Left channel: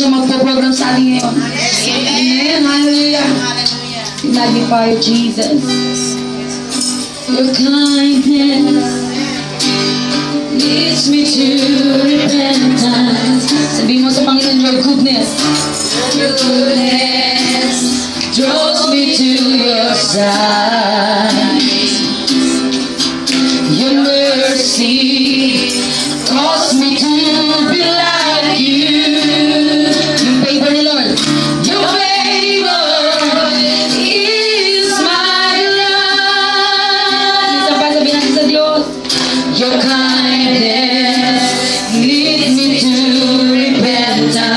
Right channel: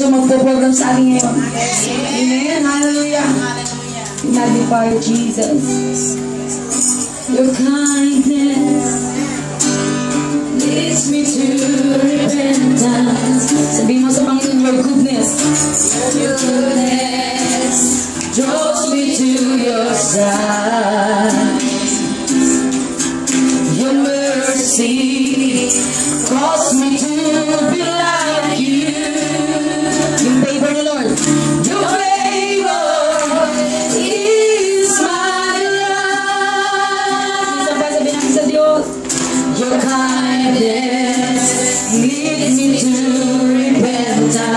siya magpo-program sa atin ngayon. Amen. Hallelujah. We magnify Jesus. Your kindness leads me to repentance. Sabihin mo sa Panginoon, your goodness. Your goodness draws me to your side. Your mercy calls me to be like you. Yung favor ni Lord. Your favor is my love. Isa pa sabihin natin sa Diyos. Your kindness leads me to repentance.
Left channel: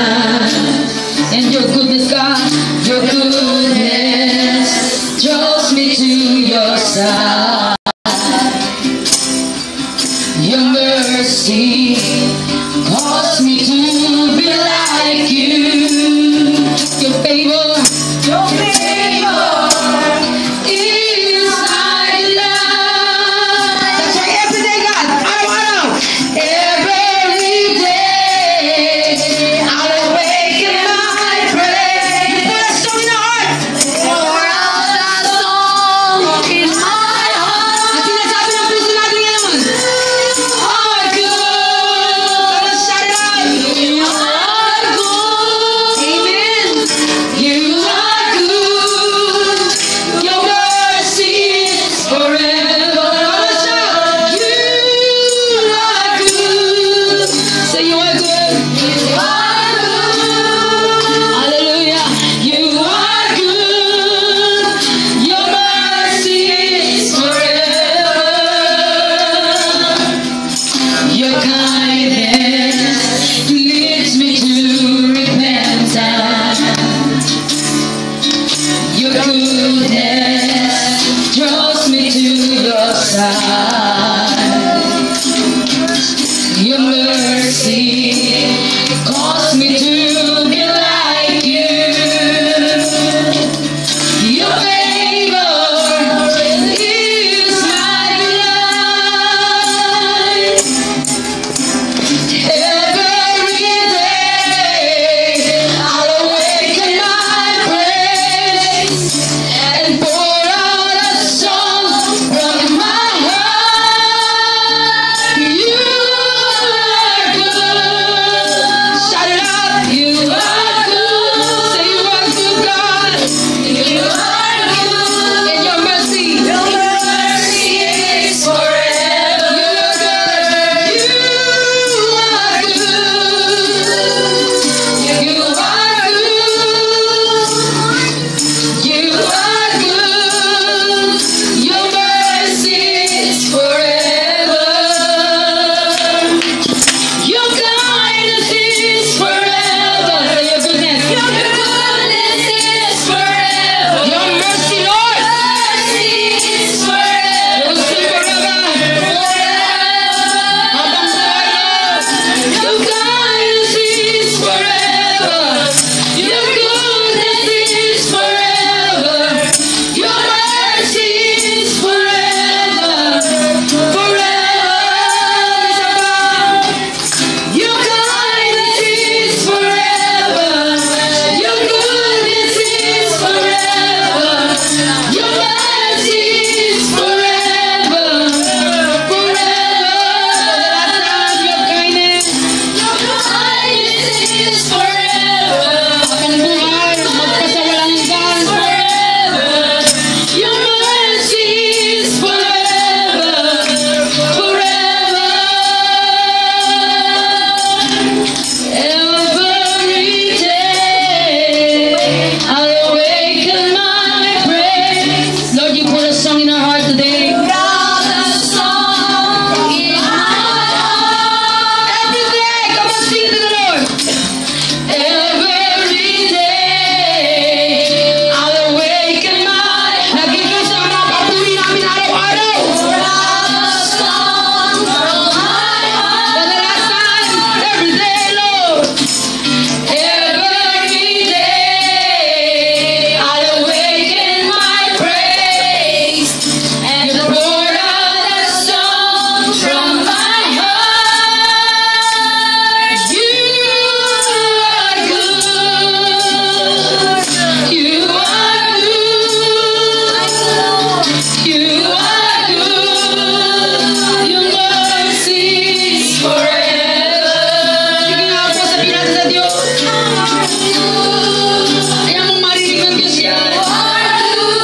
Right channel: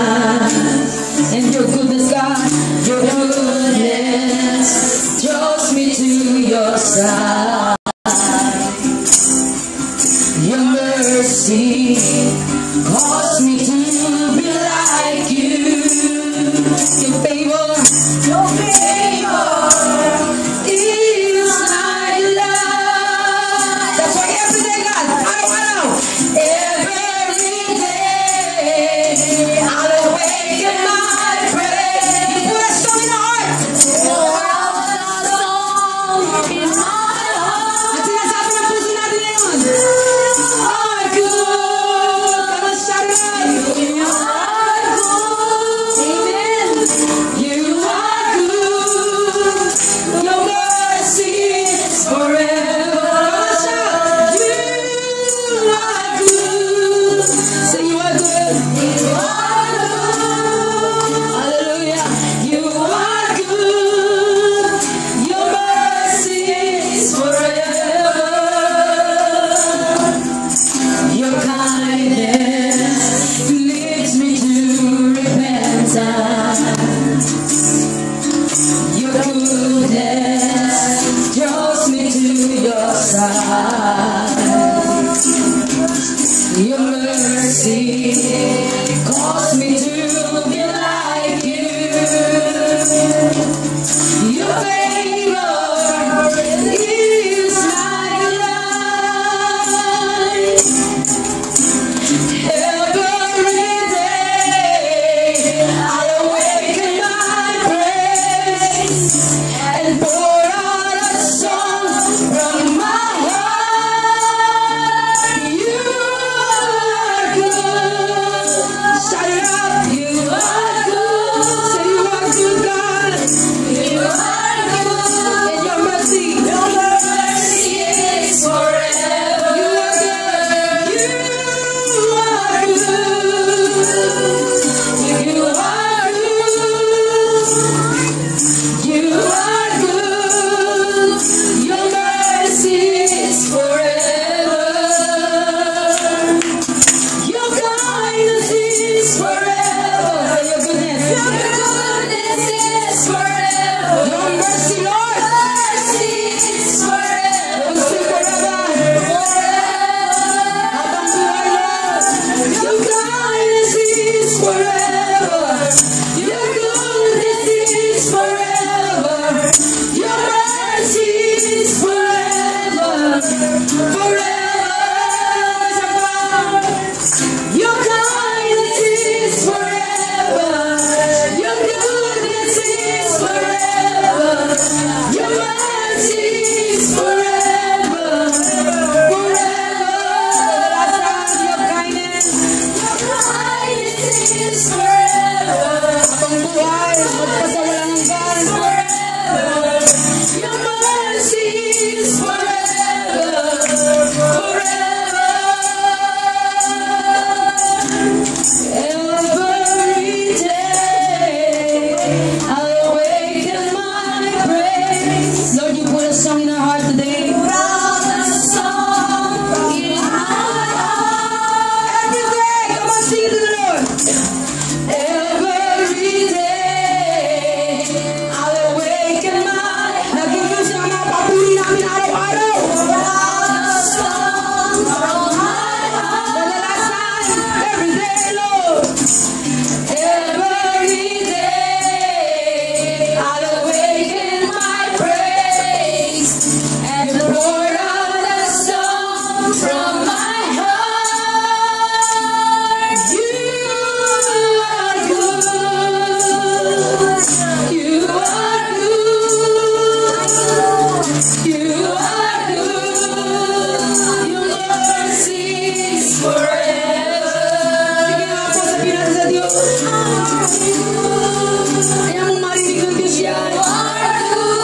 Kaya mo marinig ng Diyos yan.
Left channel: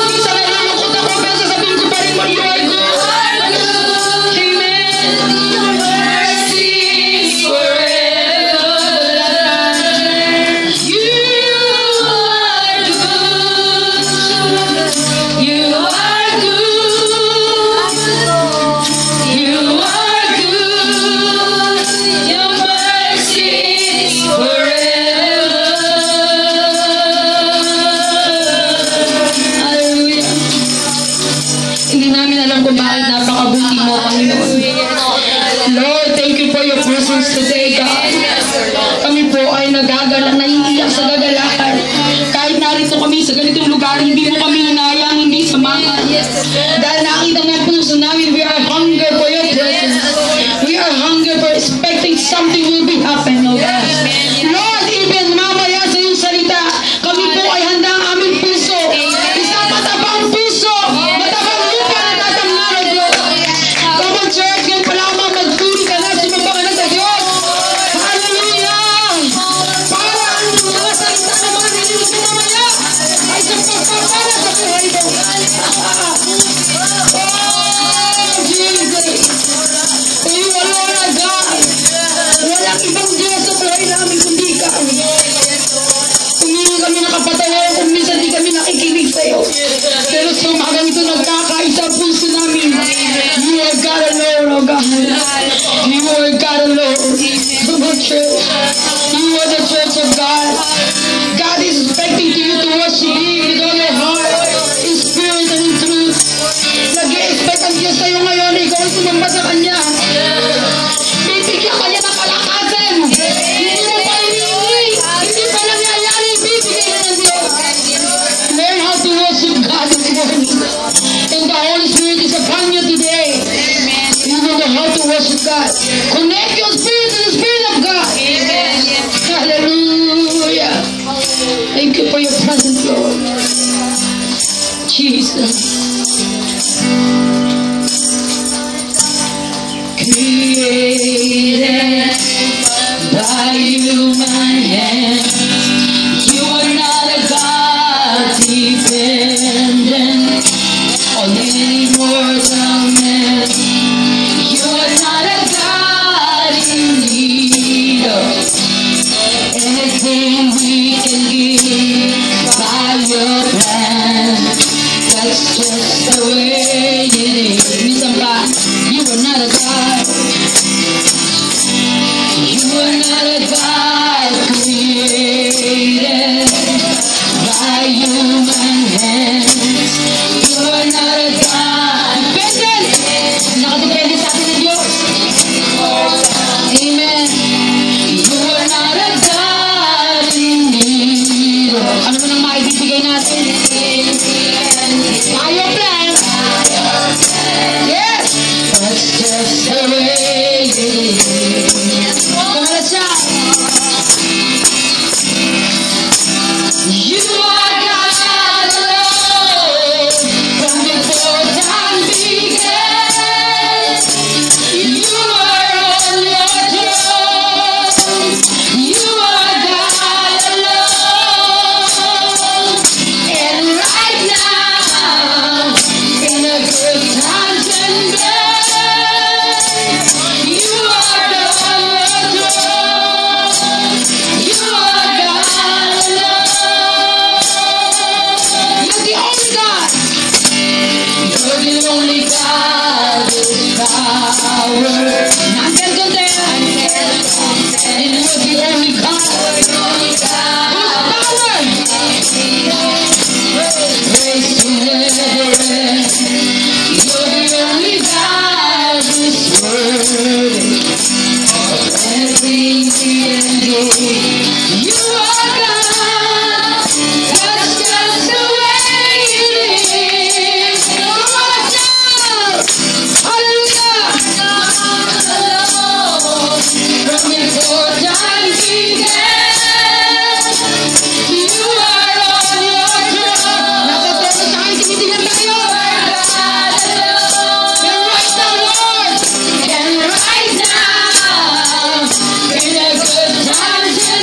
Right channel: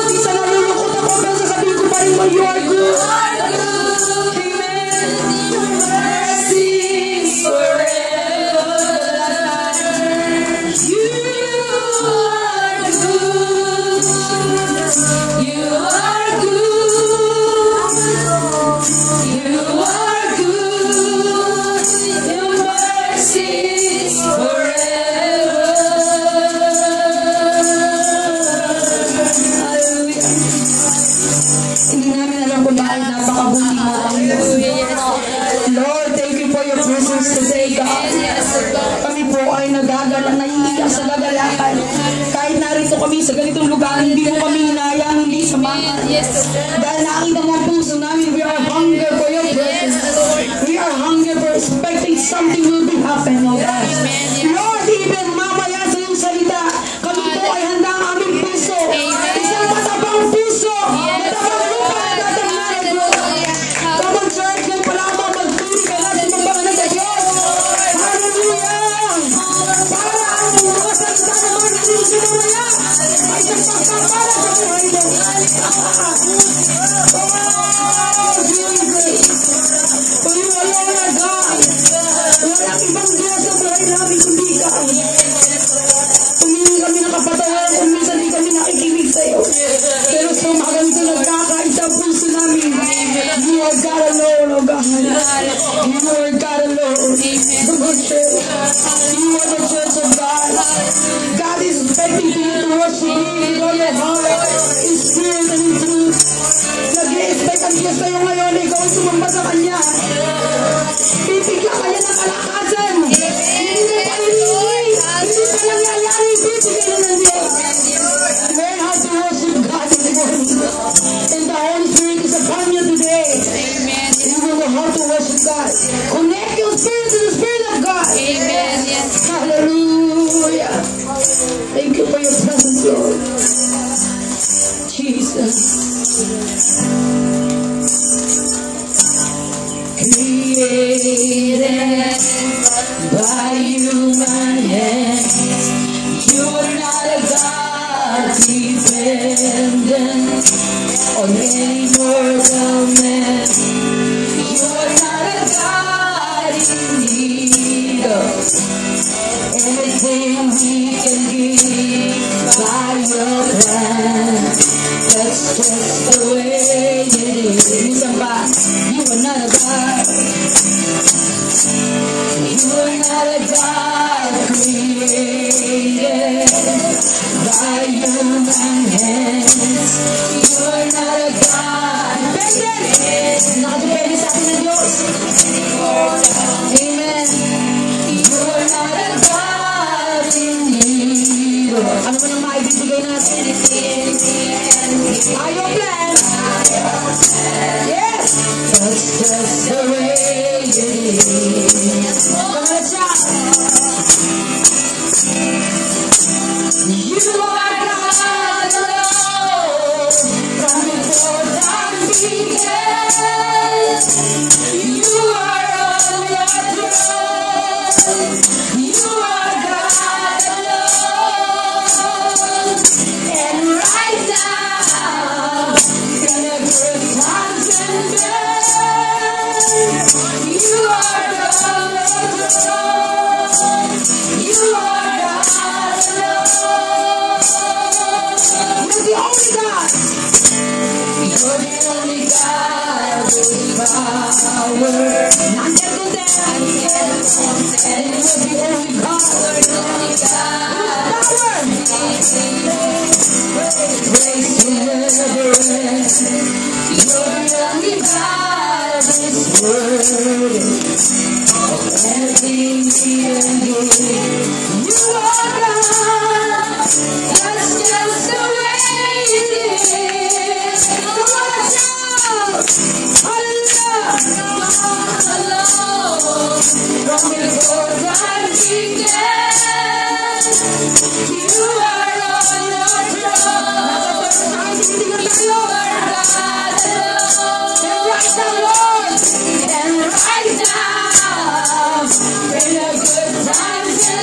Minsan nalulungkot ako, pero sasabihin ko pa rin mo, you are good. Amen. Your mercy is forever. You are good. You are good. You are good. Your mercy is forever. Hallelujah. Hindi namin alam kung bakit napakabuti mo, Panginoon. Lord, thank you for your presence today, God. Kami po ay nagagalang, naiiyak sa gagalakan. Kahit narito kami sa ganitong lugar, hindi mo kami hinayang, hindi samahan. Dahil nakita mo ang puso namin, we are hunger for your presence. We are hunger for expecting something will be happen, Lord. Lord, even mamaya sa iyong salita, kami po ay handa ang aming puso. Isang matabang puso, matabang lupa na tatamnan, Lord. Come on, church, ngayon pa lamang magtuli ka na, sumabang na sa Diyos. Hallelujah! Para ang mga salita na mga nililito mamaya ay isang pagpapala sa buhay mo. Oh, Jesus! For you alone are God. Walang ibang Diyos sa buhay namin kundi ikaw. Humingi kami ng kapatawaran kung minsan di kami nakikinig sa'yo. Pero sa umagang ito nagkakaisa ang puso namin. You are God alone, oh God. You are God alone. Come on, church. You are the church of God. God is expecting to you to worship Him with all your heart, in spirit and in truth. Nag-i-expect ang Diyos sa'yo ngayon, ikaw ay sumamba sa Kanya. Bibigyan ka niya ng kalakasan. Hindi mo pa iniingi. Hindi pa nangyayari. Bibigyan niya ng Diyos. Learn how to worship God this morning. And the Holy Spirit is upon you today. You will know how to worship God. Connect your spirit to the Spirit of God. Hallelujah. Thank you for your presence, Lord. Jesus. Created by human hands, you are not a God dependent on any mortal man. You are not a God in need of anything we can give by your plan. That's just the way it is. Minsan pa, you are not a God. You are not a God created by human hands. You are not a God dependent. Nakadepende sa atin ng Diyos. Amen. You are not a God in need. Ano mo nang maibibigay natin? By your plan. Yes. That's just the way it is. Come on, let's shout. You are God alone. From before time began, you are on your throne. You are God alone. And right now, in the good times and bad, you are on your throne. You are God alone. You're the only God. You're the only God with power. None can go there. And you're the only God with power. Praise to never end. You're the only God who's worthy of everything we endure. You are God. That's just the way it is. Come on, shout. Hallelujah. From before time began, you are on your throne. Nakatapos sa akin, tinitingnan tayo. You are God alone. And right now, Lord. And right now, in the good times and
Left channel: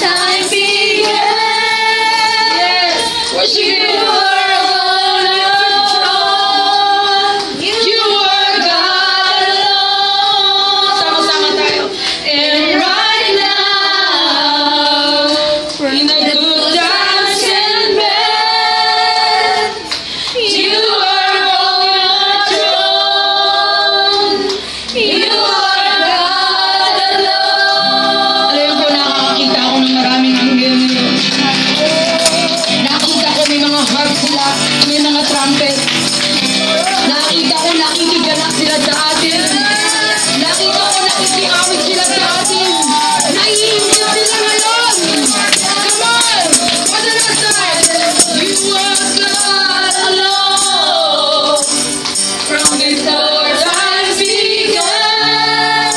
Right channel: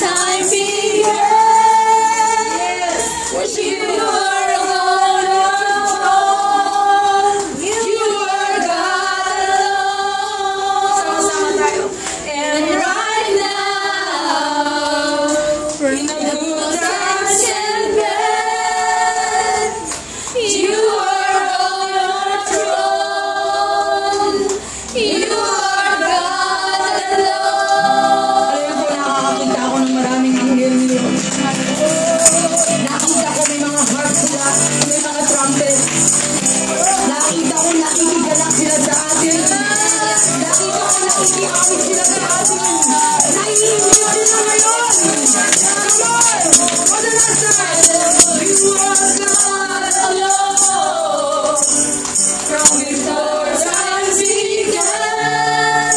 time began. Yes. Worship You you. are alone in control. You are God alone. Sama-sama tayo. And right now, in the good times and bad, you are on your throne. You are God alone. Alam po, nakakakita ako ng maraming anghel ngayon. Nakita ko may mga harp sila, may mga trumpet. Nakita ko nakikiganak sila sa atin. Nakita ko nakikiawit sila sa atin. Naiinggit sila ngayon. Come on! For the last time. You are God alone. From before time began,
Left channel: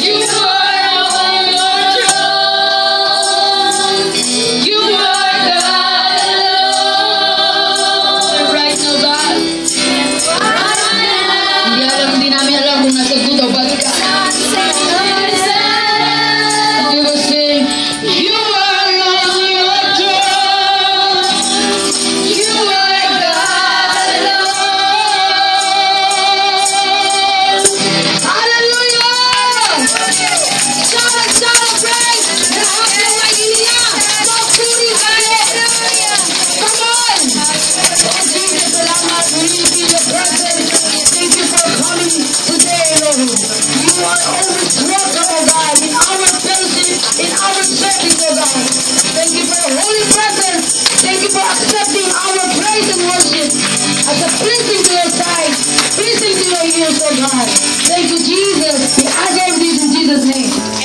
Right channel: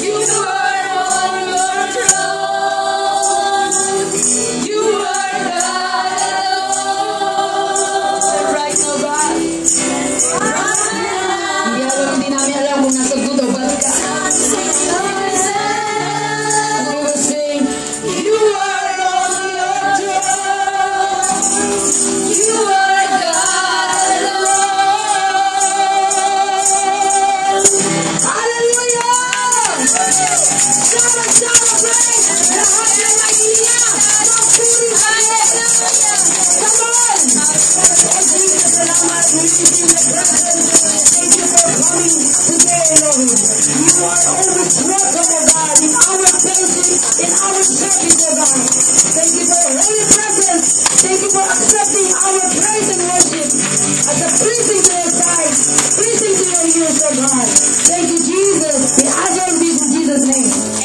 you are on your throne. You are God alone. And right now, God, Right hindi namin alam kung nasa good o bad ka. And we were saying, You are on your throne. You are God alone. Hallelujah! Shout out praise! Lahat ng naiiya, magpuri kayo! Come on! Oh, Jesus, salamat. We feel your presence. Thank you for coming today, Lord. You are always welcome, oh God, in our fellowship, in our service, oh God. Thank you for your holy presence. Thank you for accepting our praise and worship as a pleasing to your sight, pleasing to your ears, oh God. Thank you, Jesus. We ask all of this in Jesus' name.